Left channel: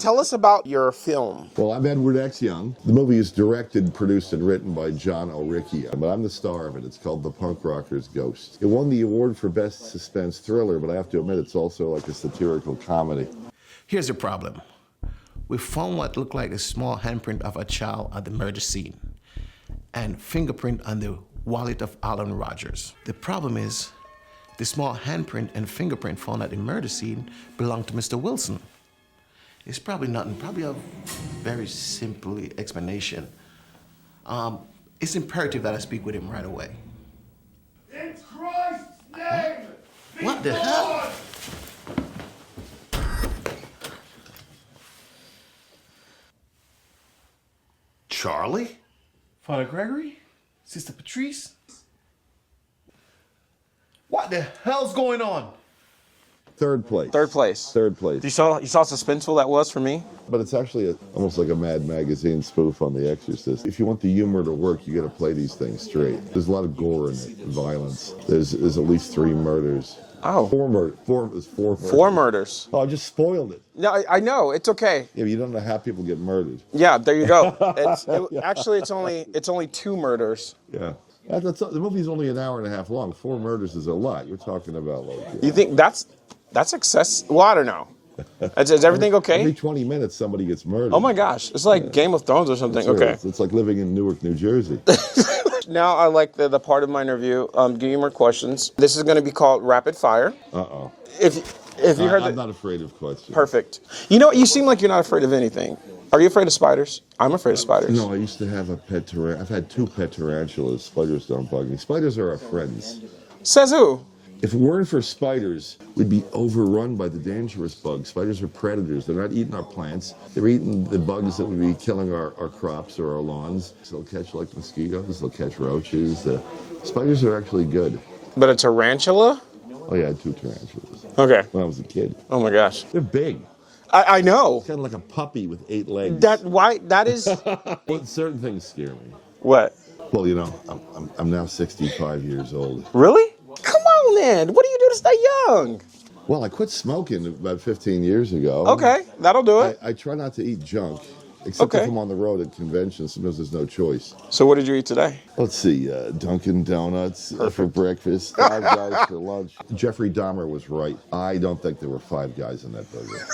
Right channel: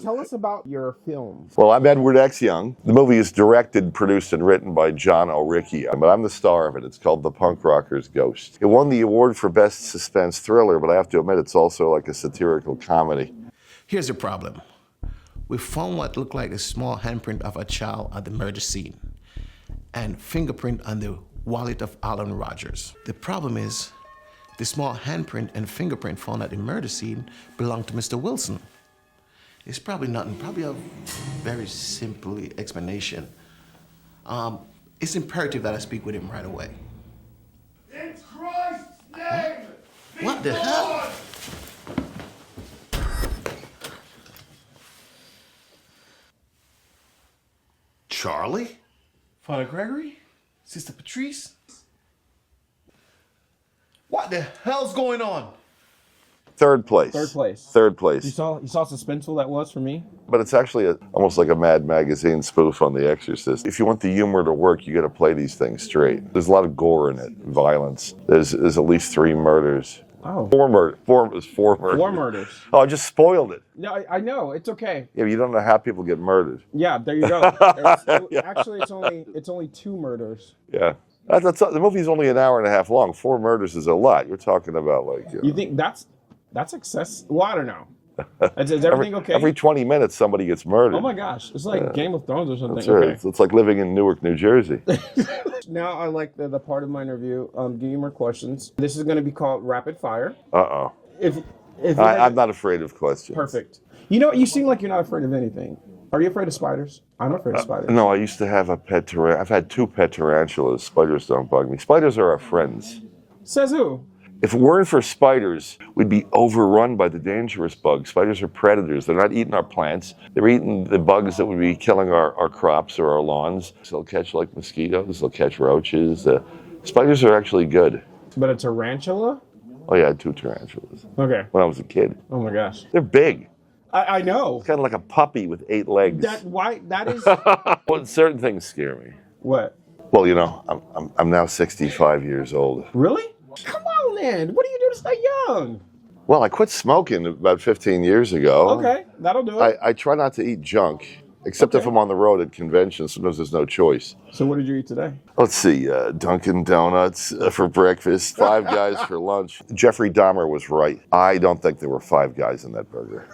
Tell us about your film. Well, I'm Edward X. Young. The movie is directed, produced, and written by John O'Ricchia, but I'm the star of it. It's called The Punk Rocker's Ghost. It won the award for Best Suspense Thriller, but I have to admit it's also like a satirical comedy. Here's the problem. We found what looked like a small handprint of a child at the murder scene and fingerprint on the wallet of Alan Rogers. The problem is the small handprint and fingerprint found at the murder scene belonged to Mr. Wilson. It's probably nothing, probably a very simple explanation. It's imperative that I speak with him right away. In Christ's name! What the hell? Charlie? Father Gregory? Sister Patrice? What the hell's going on? Third place. Third place. Third place. You saw how suspenseful that was for me? But it's actually almost like a Mad Magazine spoof on The Exorcist. If you want the humor to work, you got to play these things straight. There's a lot of gore in it, violence. There's at least 3 murders. Oh. 4 murders. 4 murders. 4 murders. Oh, I just spoiled it. Yeah, I know. It's okay. Yeah, but you don't know how people get murdered. Yeah, there you go. Actually, it's only 2 murders. Yeah. The movie's only an hour and a half long. 4 murders is a lot. You're talking about like... You think that's excess? Well, I don't know. Is everything okay? Every 20 minutes, somebody gets murdered. Oh my gosh, it's like Game of Thrones or something. That's right. Okay. It's like living in Newark, New Jersey. Now I like the part of my interview. Give you more questions. This is going to be called Rapid Fire. Uh-oh. I'm not afraid of questions. Perfect. You know, you seem like you're not afraid of anything. Are you afraid of spiders? I'm afraid of spiders. No, I used to have a pet tarantula. I've had 2 pet tarantulas. Spiders don't bug me. Spiders are our friends. Says who? If it weren't for spiders, we'd be overrun by the dangerous bugs. Spiders are predators. They're not eating our plants. They're eating the bugs that would be killing our crops or our lawns. So they'll catch like mosquitoes. They'll catch roaches. Spiders are actually good. But a tarantula? Oh yeah, I had 2 tarantulas. Okay. When I was a kid. Oh my gosh. They're big. I know. It's kind of like a puppy with 8 legs. That is... Well, certain things scare me. What? Well, you know, I'm now 65 years old. Really? Come on, then. What do you do to stay young? Well, I quit smoking about 15 years ago. Okay, that'll do it. I try not to eat junk, except if I'm on the road at conventions. Sometimes there's no choice. So what did you eat today? Let's see, Dunkin' Donuts for breakfast, 5 Guys for lunch. Jeffrey Dahmer was right. I don't think there were 5 guys in that burger.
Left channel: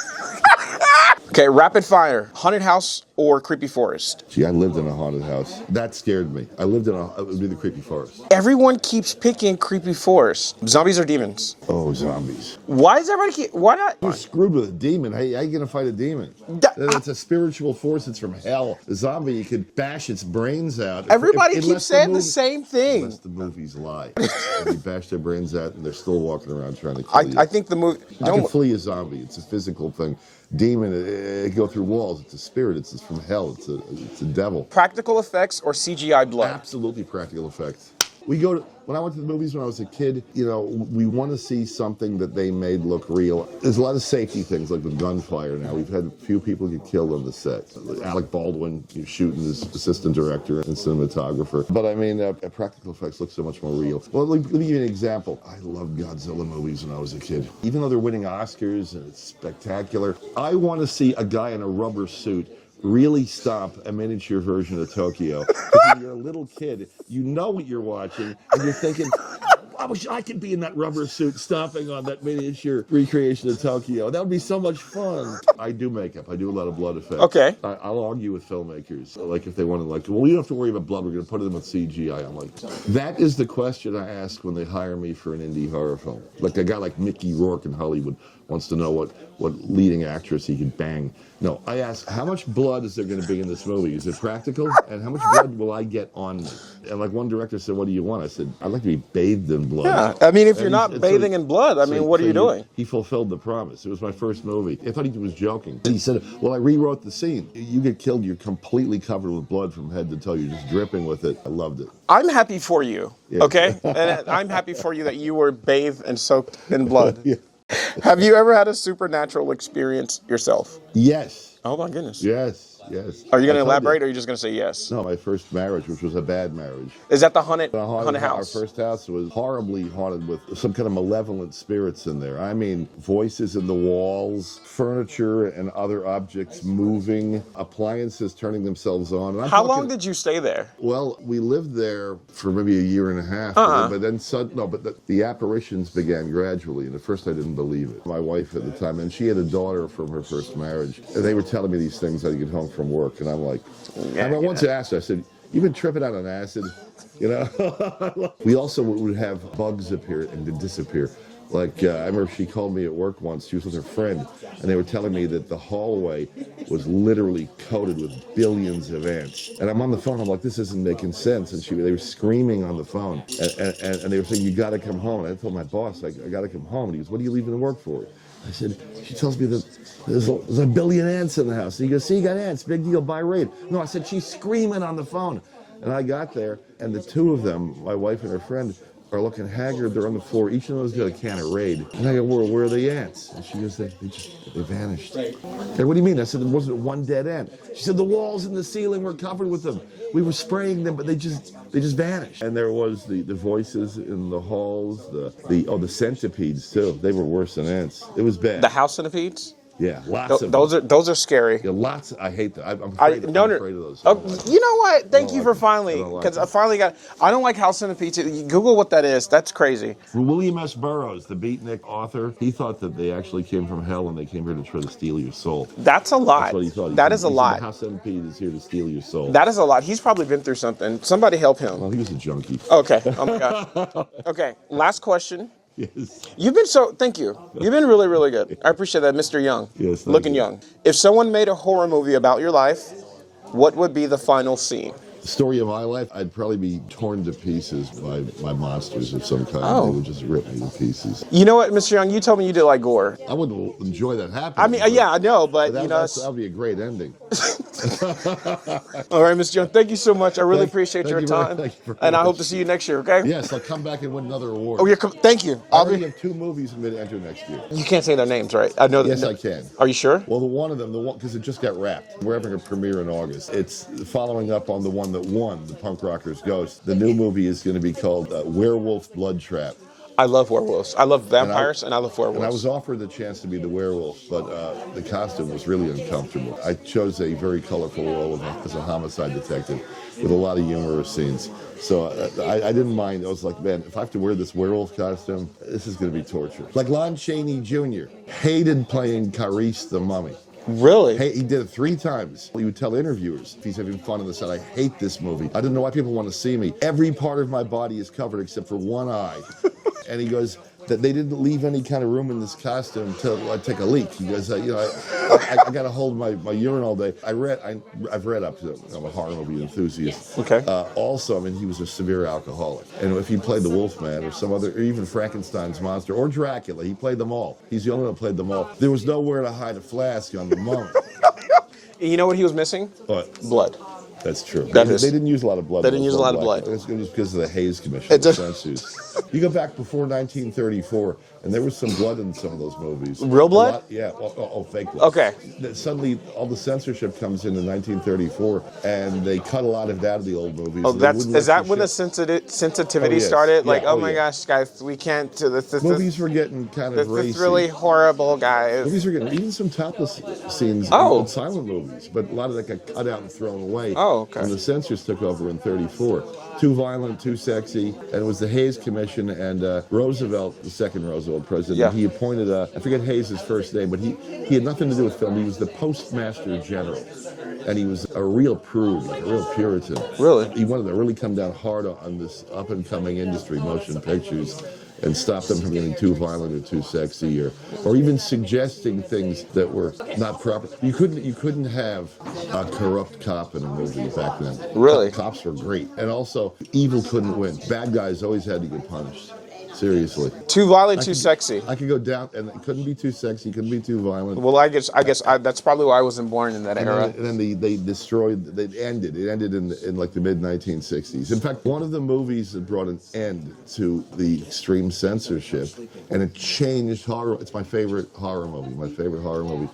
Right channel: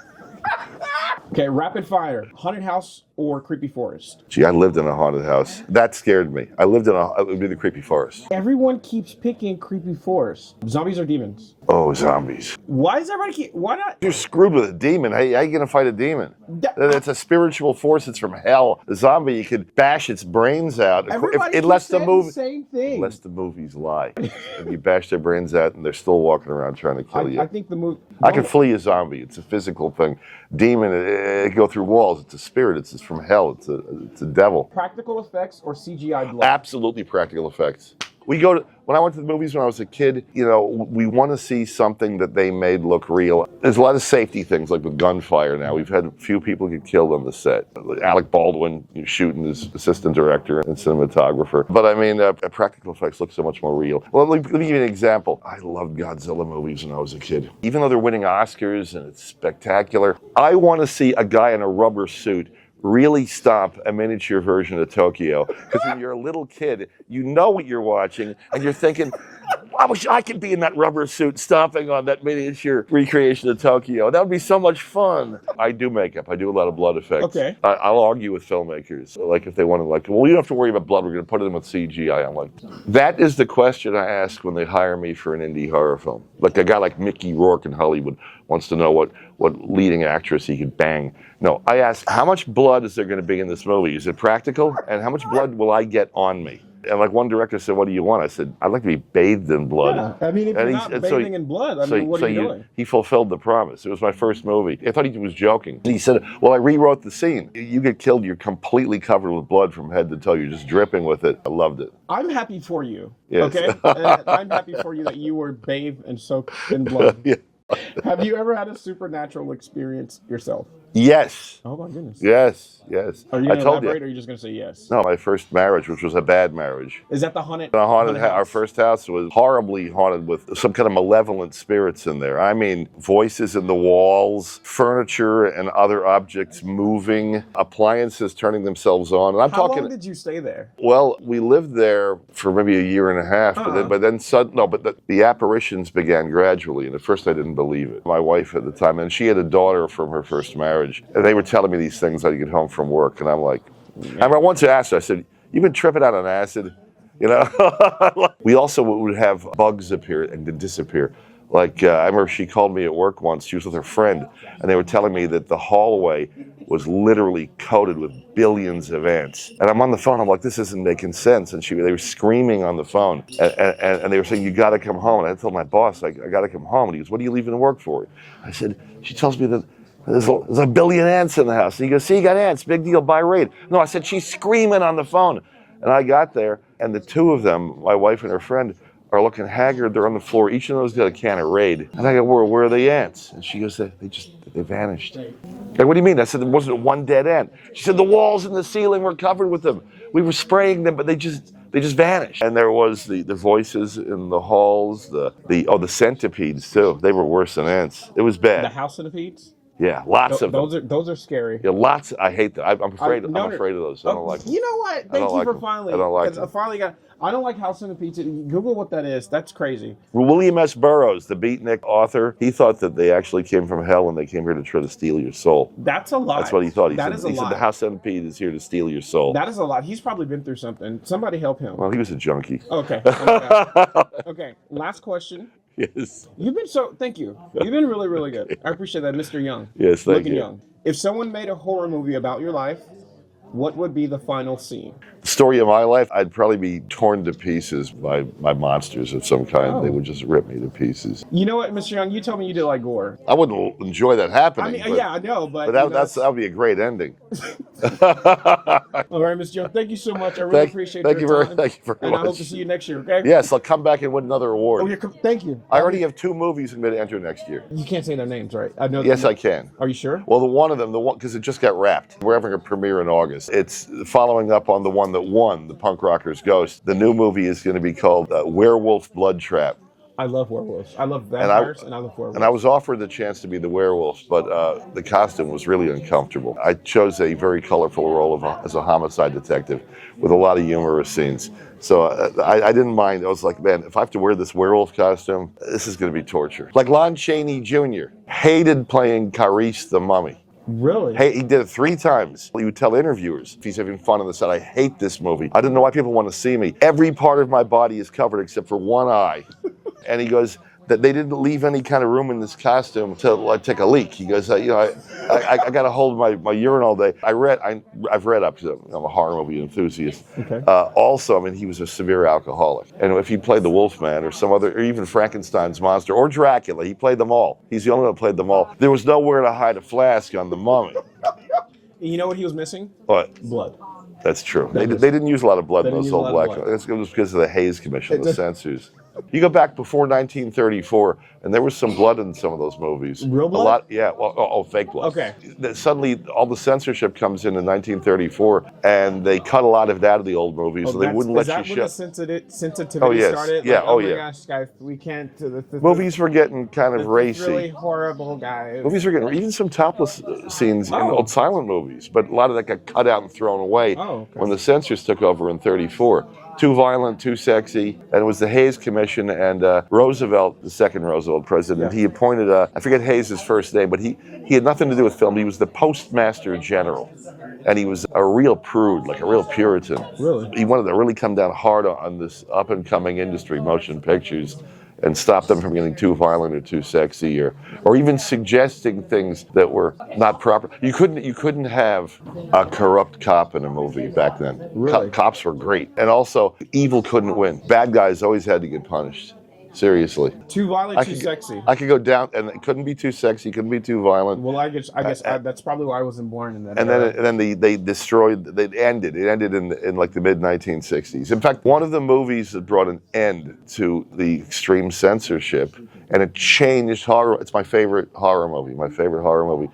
Okay, rapid fire. Haunted house or creepy forest? Gee, I lived in a haunted house. That scared me. It would be the creepy forest. Everyone keeps picking creepy forest. Zombies or demons? Oh, zombies. Why does everybody why not? You're screwed with a demon. How you gonna fight a demon? It's a spiritual force. It's from hell. The zombie, you could bash its brains out. Everybody keeps saying the same thing. Unless the movies lie. And you bash their brains out and they're still walking around trying to kill you. I think the movie... I can flee a zombie. It's a physical thing. Demon, it can go through walls. It's a spirit. It's from hell. It's a devil. Practical effects or CGI blood? Absolutely practical effects. When I went to the movies when I was a kid, you know, we want to see something that they made look real. There's a lot of safety things, like with gunfire now. We've had a few people get killed on the set. Alec Baldwin shooting his assistant director and cinematographer. But I mean, practical effects look so much more real. Well, let me give you an example. I loved Godzilla movies when I was a kid. Even though they're winning Oscars and it's spectacular, I want to see a guy in a rubber suit really stomp a miniature version of Tokyo. Because when you're a little kid, you know what you're watching, and you're thinking, I wish I could be in that rubber suit stomping on that miniature recreation of Tokyo. That would be so much fun. I do makeup. I do a lot of blood effects. Okay. I'll argue with filmmakers. Like if they want to, well, you don't have to worry about blood. We're going to put it in with CGI. I'm like, that is the question I ask when they hire me for an indie horror film. Like a guy like Mickey Rourke in Hollywood wants to know what leading actress he could bang. No, I ask, how much blood is there going to be in this movie? Is it practical? And how much blood will I get on me? And like one director said, what do you want? I said, I'd like to be bathed in blood. Yeah, I mean, if you're not bathing in blood, what are you doing? He fulfilled the promise. It was my first movie. I thought he was joking. He said, well, I rewrote the scene. You get killed, you're completely covered with blood from head to toe. You're just dripping with it. I loved it. I'm happy for you, yes. Okay? I'm happy for you that you were bathed and soaked in blood. Yeah. Have you ever had a supernatural experience yourself? Yes. Oh my goodness. Yes. yes. Are you going I to told elaborate, or are you just going to say yes? No, my first marriage, which was a bad marriage. Is that the haunted Our house? first house was horribly haunted with some kind of malevolent spirits in there. I mean, voices in the walls, furniture and other objects moving, appliances turning themselves on. And How long did you stay there? Well, we lived there for maybe a year and a half, but then the apparitions began gradually, and at first I didn't believe it. My wife at the time, and she had a daughter from her first marriage, and they were telling me these things I get home from work, and I'm like, I once asked her, I said, "You've been tripping out on acid?" You know? We also would have bugs appear and then disappear. Like, I remember she called me at work once. She was with her friend, and they were telling me that the hallway was literally coated with billions of ants. And I'm on the phone. I'm like, this isn't making sense. And they were screaming on the phone, and they were saying, you got to come home. And I told my boss, I got to come home. And he goes, what are you leaving work for? I said, she tells me that there's a billion ants in the house. And he goes, see, you got ants. Big deal. Buy Raid. No, I said, she's screaming on the phone. And I got there, and the two of them, my wife and her friend, are looking haggard. They're on the floor. Each of them's got a can of Raid. And I go, where are the ants? And she goes, they vanished. Like, what do you mean? I said, there wasn't one dead ant. She said, the walls and the ceiling were covered with them. We were spraying them, but they just vanished. And there was the voices in the halls, the centipedes too. They were worse than ants. It was bad. The house centipedes? Yeah, lots of them. Those are scary. Yeah, lots. I hate them. I'm afraid of those. I don't like them. You know what? Thank you for finally. I don't like Because I finally got. I don't like house centipedes. Google what that is. That's crazy. William S. Burroughs, the beatnik author, he thought that they actually came from hell and they came here to try to steal your soul. That's a lie. That's what he thought. That is a lie. The house centipede is here to steal your soul. That is a lot. He's probably been through something. Somebody help him. Well, he was a junkie. Okay. Oh my God. Okay. Last question. Yes. Thank you. You've been really, really good. I appreciate that, Mr. Young. Yes, thank Looking you. young. If someone made a horror movie about your life, what would be the final scene? The story of my life, I'd probably be torn to pieces by monsters of some kind. Oh. They would just rip me to pieces. You know what, Mr. Young? You told me you did like gore. I wouldn't enjoy that happening. I mean, yeah, I know, but that would be a great ending. All right, Mr. Young, thank you so much. I really appreciate your time. Thank you very and I much. hope to see you next year, okay? Yes, I'll come back and win another award. Oh, thank you. I already have 2 movies I'm going to enter next year. You can't say their names, right? I know. Yes, I can. Are you sure? Well, the one because it just got wrapped. We're having a premiere in August. It's following up on the one that won, the Punk Rocker's Ghost. The new movie is going to be called Werewolf Blood Trap. I love werewolves. I love vampires, and I love werewolves. And I was offered the chance to be the werewolf, but the costume was really uncomfortable. I chose a very colorful role as a homicide detective with a lot of humorous scenes. So I didn't mind. I was like, man, if I have to wear this werewolf costume, this is going to be torture. Like Lon Chaney Jr. hated playing Carice the Mummy. Really? Hey, he did it 3 times. He would tell interviewers, if he's having fun on the set, I hate this movie. I don't know why people want to see me. Every part of my body is covered except for one eye. And he goes, that they didn't leave any kind of room in this costume to take a leak. He goes, I got to hold my urine all day. I've read up to, I'm a horror movie enthusiast. Okay. Also, I mean, he was a severe alcoholic. And if he played the Wolfman or some other, or even Frankenstein's monster or Dracula, he played them all. He's the only one who played them all. There was nowhere to hide a flask on the Mummy. You know what he was missing? What? Blood. That's true. They didn't use a lot of blood. They didn't use a lot of blood. It was because of the Hayes Commission, the censors. You go back before 1934, and there was some blood in some of those movies. Real blood? A lot, yeah. Well, fake blood. Okay. Suddenly, all the censorship comes in 1934, and they cut a lot of that out of the old movies. Oh, so they wouldn't is let that you when show. the sensitivity started? Yeah. Like, oh my gosh, guys, we can't do this. Movies were getting kind of racy. It's really horrible, guys. Movies were getting even some topless scenes in old silent movies, but a lot of that got cut out and thrown away when the censors took over in 34. Too violent, too sexy, and it was the Hayes Commission and Roosevelt, the second Roosevelt president, he appointed, I forget Hayes' first name, but he had nothing to do with film. He was the Postmaster General, and he was a real prude, like a real Puritan. Really? He wanted to really come down hard on this up-and-coming industry, motion pictures, and stop them from getting too violent or too sexy, or even suggesting things that were not proper. You couldn't have a corrupt cop in a movie back then. Really? Cops were great. And also, evil couldn't win. Bad guys always had to get punished. Seriously. Too violent, too sexy. I could go down, and it couldn't be too sexy, couldn't be too violent. Well, I guess that's probably why I wasn't born in that era. And then they destroyed. It ended in like the mid 1960s. In fact, one of the movies that brought an end to the extreme censorship, and it changed horror. It's my favorite horror movie. My favorite horror movie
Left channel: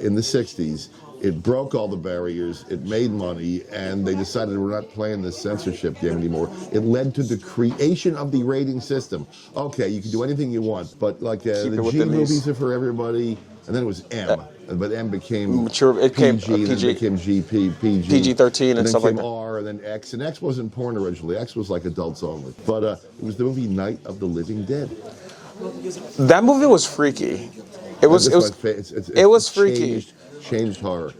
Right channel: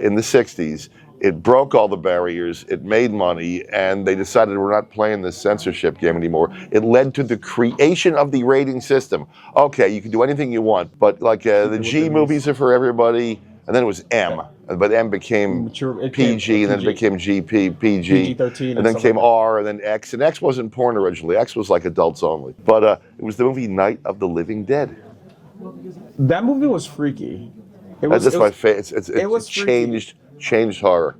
in the 60s It broke all the barriers. It made money, and they decided we're not playing this censorship game anymore. It led to the creation of the rating system. Okay, you can do anything you want, but like the G movies are for everybody, and then it was M, but M became Mature, it PG, and then PG. it became GP, PG, PG-13 and and then stuff came like that. R, and then X, and X wasn't porn originally. X was like adults only. But it was the movie Night of the Living Dead. That movie was freaky. It was. That's It my was, favorite. it was freaky. Changed horror.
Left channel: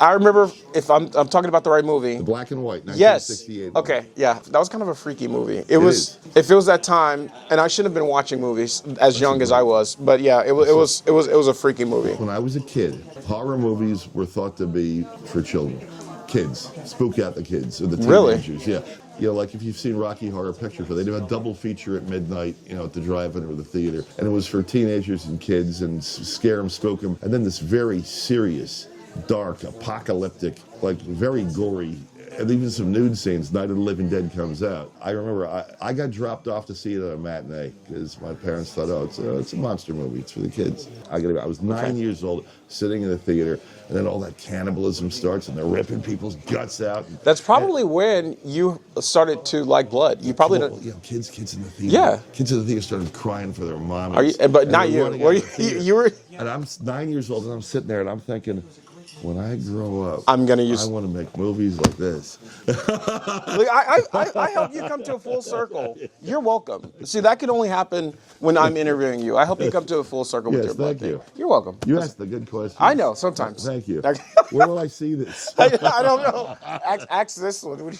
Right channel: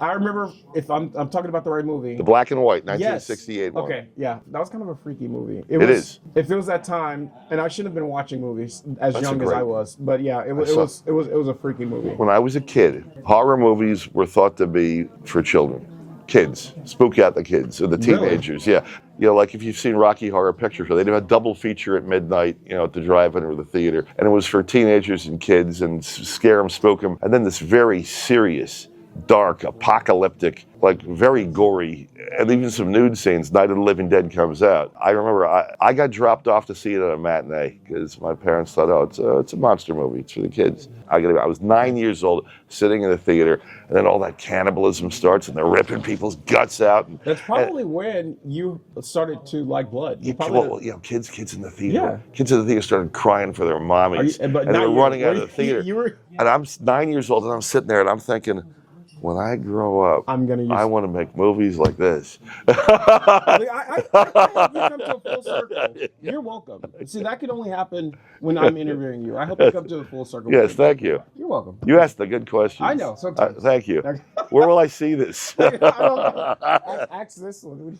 I remember, if I'm talking about the right movie. The black and white, 1968 one. Okay, yeah, that was kind of a freaky movie. It is. If it was that time, and I shouldn't have been watching movies as young as I was, but yeah, it was a freaky movie. When I was a kid, horror movies were thought to be for children, kids, spook out the kids or the Really? teenagers. Yeah, like if you've seen Rocky Horror Picture Show, they'd have a double feature at midnight, at the drive-in or the theater, and it was for teenagers and kids and scare them, spook them, and then this very serious, dark, apocalyptic, like very gory, and even some nude scenes. Night of the Living Dead comes out. I remember I got dropped off to see it at a matinee because my parents thought, it's a monster movie. It's for the kids. I was 9 years old, sitting in the theater, and then all that cannibalism starts, and they're ripping people's guts out. That's probably when you started to like blood. You probably Well, kids in the theater. Yeah. Kids in the theater started crying for their mommies. But and not they were you. running Were out of you- the theater. you were- And I'm 9 years old, and I'm sitting there, and I'm thinking, when I grow up, I'm gonna use- I want to make movies like this. I hope you come to a full circle. You're welcome. See, that could only happen when I'm interviewing you. I hope you come to a full circle. Yes, with your thank book. you. You're welcome. You asked a good question. I know, sometimes. Thank you. Where will I see this? I don't know. Ask this one.